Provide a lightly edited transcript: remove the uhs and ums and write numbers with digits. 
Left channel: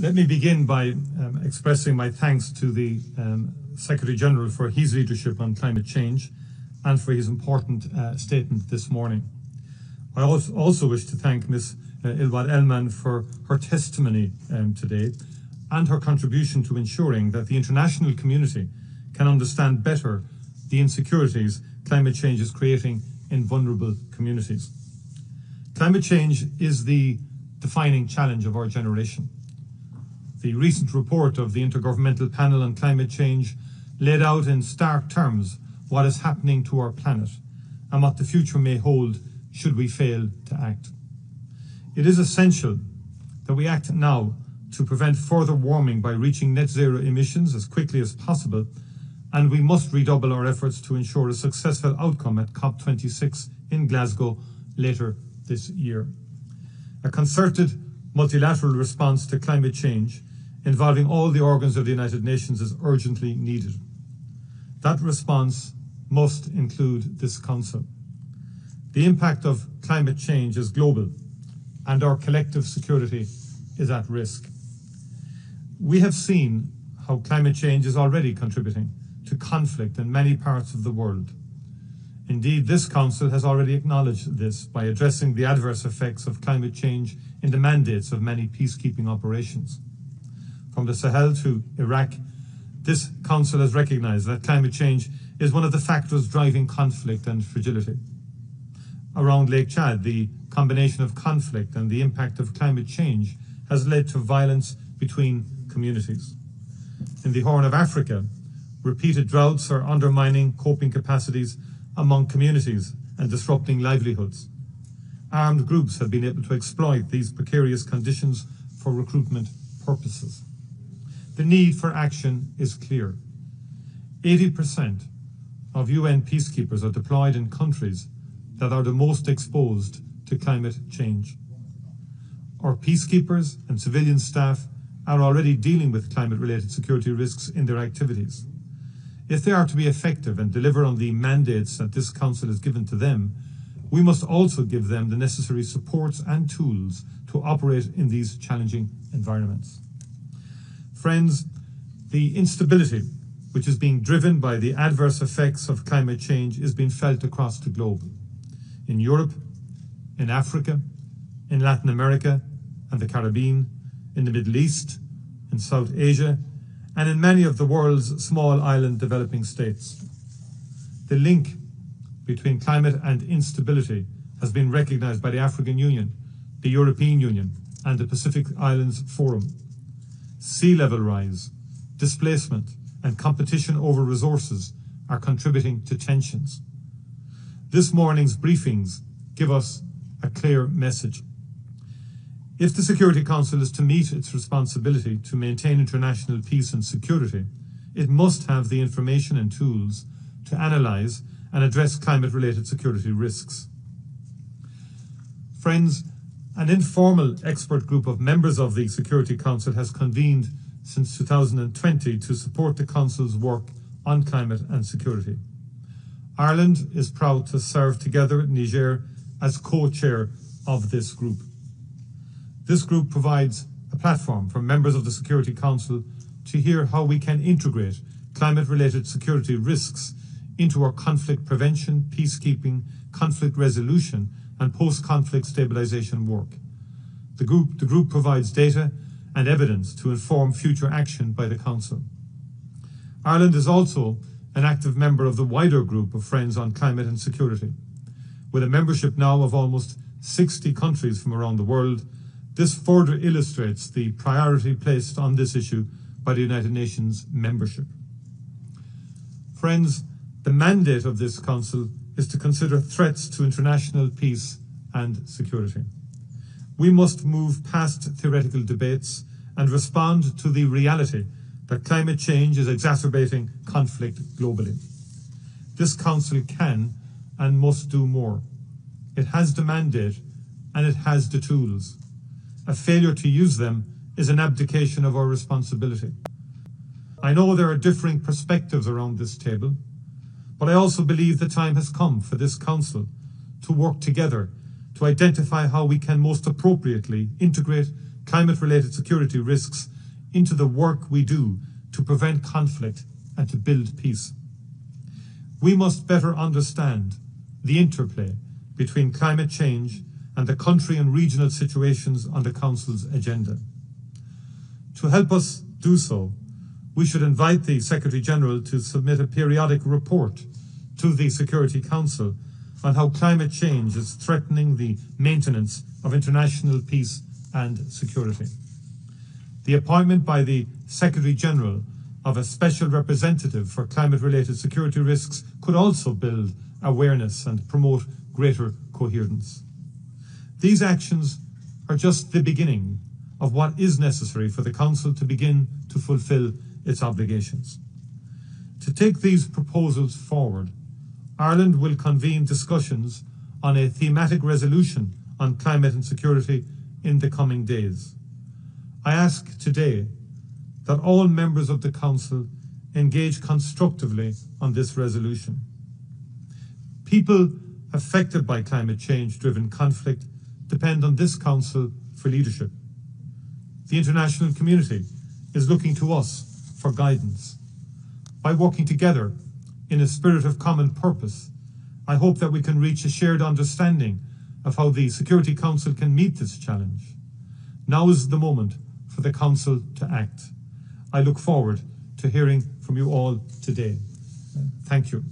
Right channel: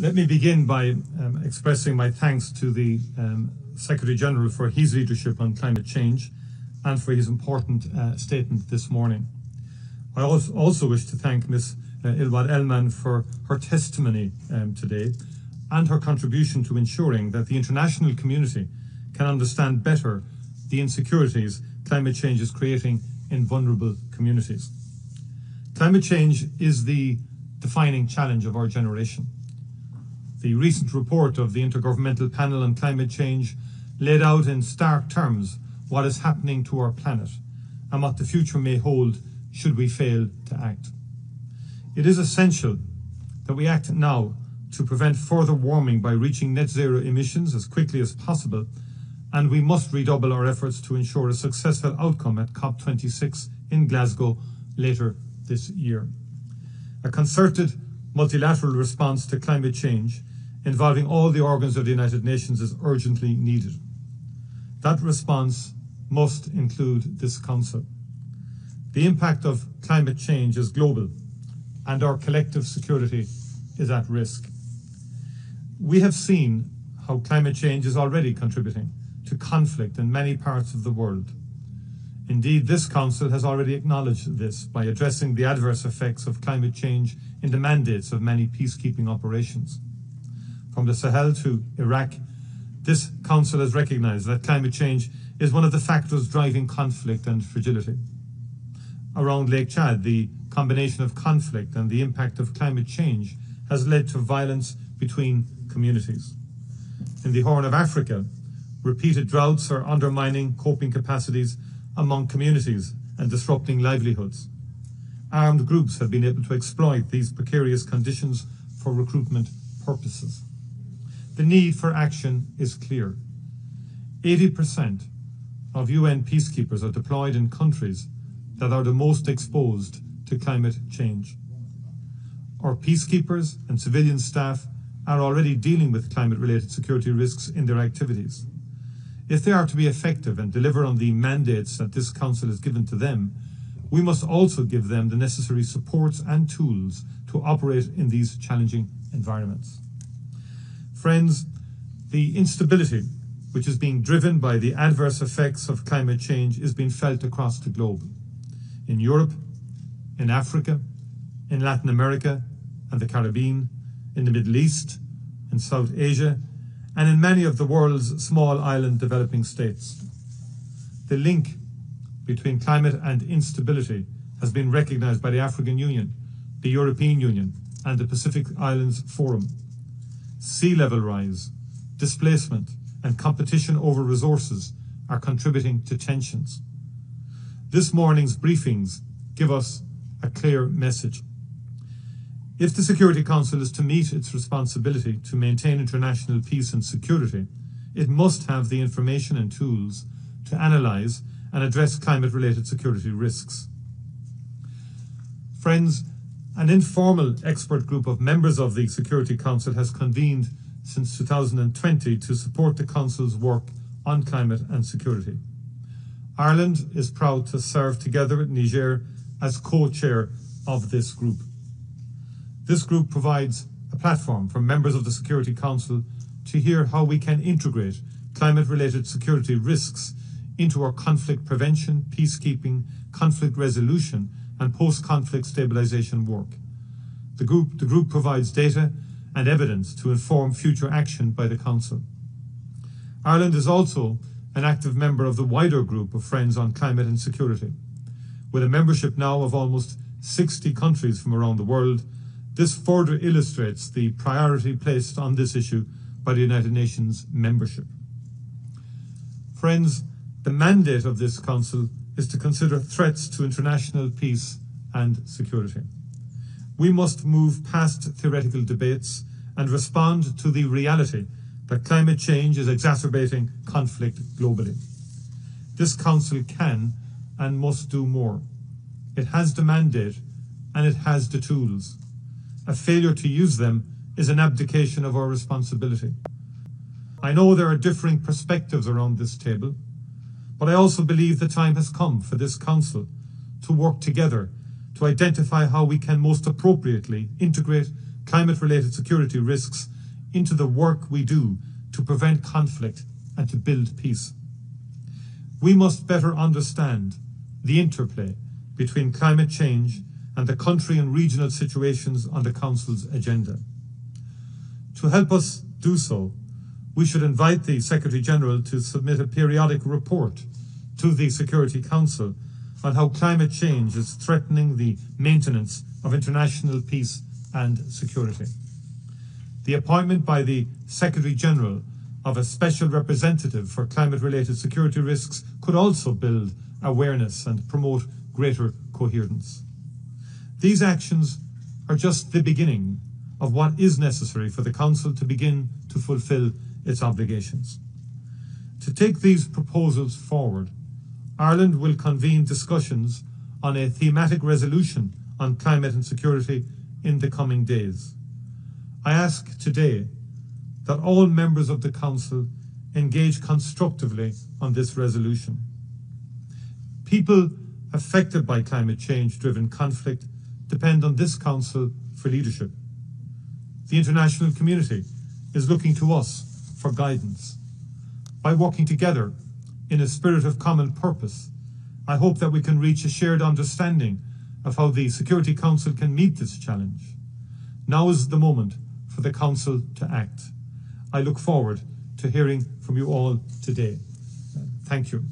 Let me begin by expressing my thanks to the Secretary-General for his leadership on climate change and for his important statement this morning. I also wish to thank Ms. Ilwad Elman for her testimony today and her contribution to ensuring that the international community can understand better the insecurities climate change is creating in vulnerable communities. Climate change is the defining challenge of our generation. The recent report of the Intergovernmental Panel on Climate Change laid out in stark terms what is happening to our planet and what the future may hold should we fail to act. It is essential that we act now to prevent further warming by reaching net zero emissions as quickly as possible, and we must redouble our efforts to ensure a successful outcome at COP26 in Glasgow later this year. A concerted multilateral response to climate change involving all the organs of the United Nations is urgently needed. That response must include this Council. The impact of climate change is global, and our collective security is at risk. We have seen how climate change is already contributing to conflict in many parts of the world. Indeed, this Council has already acknowledged this by addressing the adverse effects of climate change in the mandates of many peacekeeping operations. From the Sahel to Iraq, this Council has recognised that climate change is one of the factors driving conflict and fragility. Around Lake Chad, the combination of conflict and the impact of climate change has led to violence between communities. In the Horn of Africa, repeated droughts are undermining coping capacities among communities and disrupting livelihoods. Armed groups have been able to exploit these precarious conditions for recruitment purposes. The need for action is clear. 80% of UN peacekeepers are deployed in countries that are the most exposed to climate change. Our peacekeepers and civilian staff are already dealing with climate-related security risks in their activities. If they are to be effective and deliver on the mandates that this Council has given to them, we must also give them the necessary supports and tools to operate in these challenging environments. Friends, the instability which is being driven by the adverse effects of climate change is being felt across the globe. In Europe, in Africa, in Latin America and the Caribbean, in the Middle East, in South Asia, and in many of the world's small island developing states. The link between climate and instability has been recognised by the African Union, the European Union, and the Pacific Islands Forum. Sea level rise, displacement, and competition over resources are contributing to tensions. This morning's briefings give us a clear message. If the Security Council is to meet its responsibility to maintain international peace and security, it must have the information and tools to analyse and address climate-related security risks. Friends, an informal expert group of members of the Security Council has convened since 2020 to support the Council's work on climate and security. Ireland is proud to serve together with Niger as co-chair of this group. This group provides a platform for members of the Security Council to hear how we can integrate climate-related security risks into our conflict prevention, peacekeeping, conflict resolution and post-conflict stabilisation work. The group provides data and evidence to inform future action by the Council. Ireland is also an active member of the wider group of Friends on Climate and Security. With a membership now of almost 60 countries from around the world, this further illustrates the priority placed on this issue by the United Nations membership. Friends, the mandate of this Council is to consider threats to international peace and security. We must move past theoretical debates and respond to the reality that climate change is exacerbating conflict globally. This Council can and must do more. It has the mandate and it has the tools. A failure to use them is an abdication of our responsibility. I know there are differing perspectives around this table, but I also believe the time has come for this Council to work together to identify how we can most appropriately integrate climate-related security risks into the work we do to prevent conflict and to build peace. We must better understand the interplay between climate change and the country and regional situations on the Council's agenda. To help us do so, we should invite the Secretary-General to submit a periodic report to the Security Council on how climate change is threatening the maintenance of international peace and security. The appointment by the Secretary-General of a special representative for climate-related security risks could also build awareness and promote greater coherence. These actions are just the beginning of what is necessary for the Council to begin to fulfil its obligations. To take these proposals forward, Ireland will convene discussions on a thematic resolution on climate and security in the coming days. I ask today that all members of the Council engage constructively on this resolution. People affected by climate change-driven conflict depend on this Council for leadership. The international community is looking to us for guidance. By working together in a spirit of common purpose, I hope that we can reach a shared understanding of how the Security Council can meet this challenge. Now is the moment for the Council to act. I look forward to hearing from you all today. Thank you.